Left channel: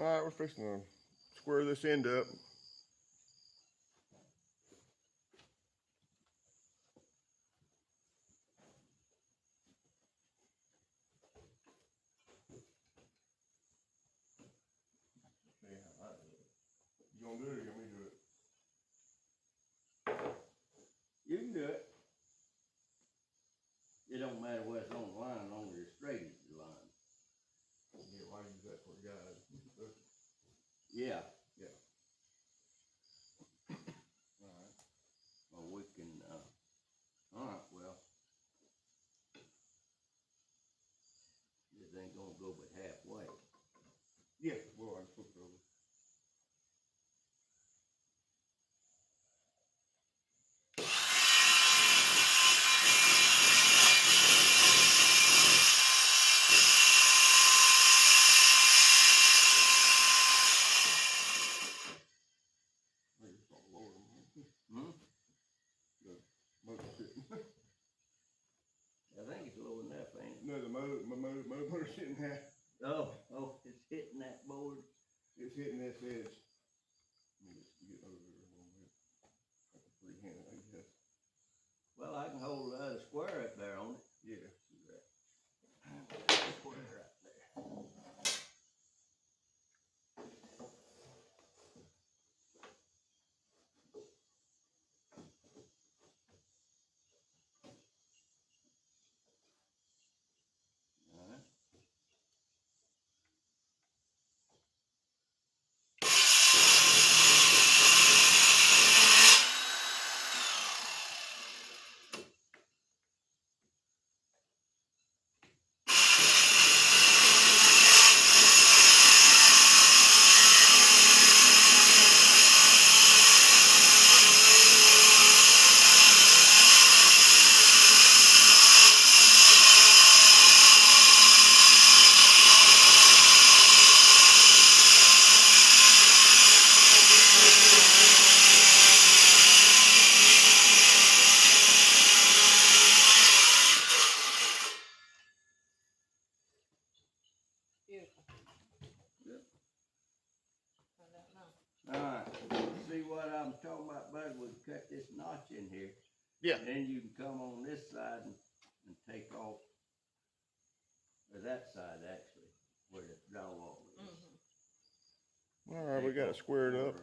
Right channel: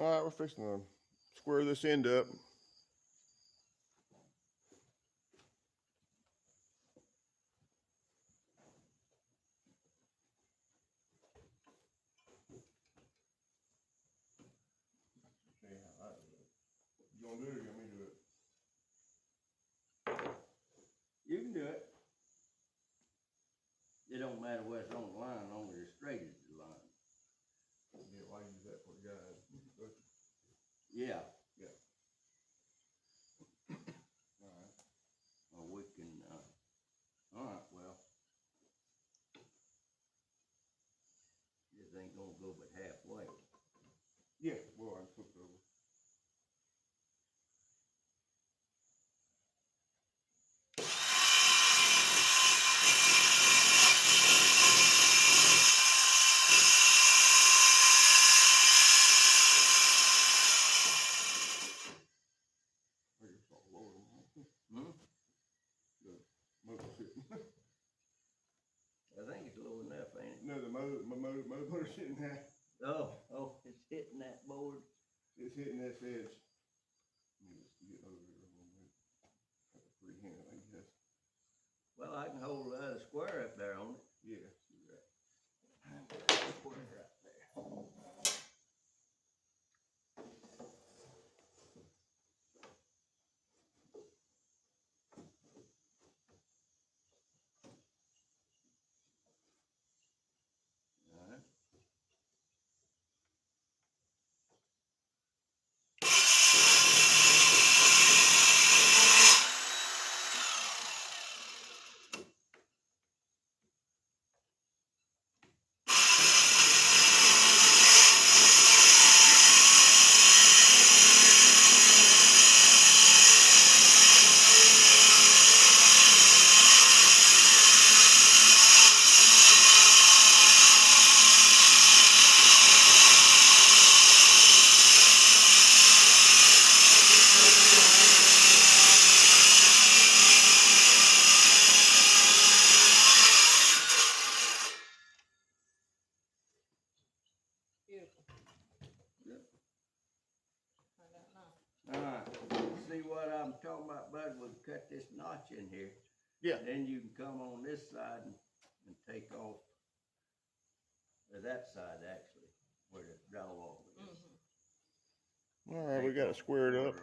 All right, we're fixing to square this end up. See how I do it. You gonna do it or you want me to do it? You can do it. It don't matter where it's on the line, as long as it's straight as the line. Yeah, well, I use that for guys. Yeah. Yeah. All right. Well, we can, all right, well. This ain't gonna go but halfway. Yeah, well, I can flip it over. Hmm? The motor's sitting. I think it's low enough, ain't it? No, the motor's hitting that. Oh, it's hitting that board. It's hitting this edge. Let me just get over here a little bit. Have to freehand it, I guess. Well, I can hold the other square up there on it. Yeah. See that? Square right there. All right. Beautiful. Yep. I don't know. All right. See what I'm talking about, bud? We'll cut this notch in here. Yeah. Then you can come on this side and take off, or that side actually, where the drywall is. Mm-hmm. All right, we got it squared up.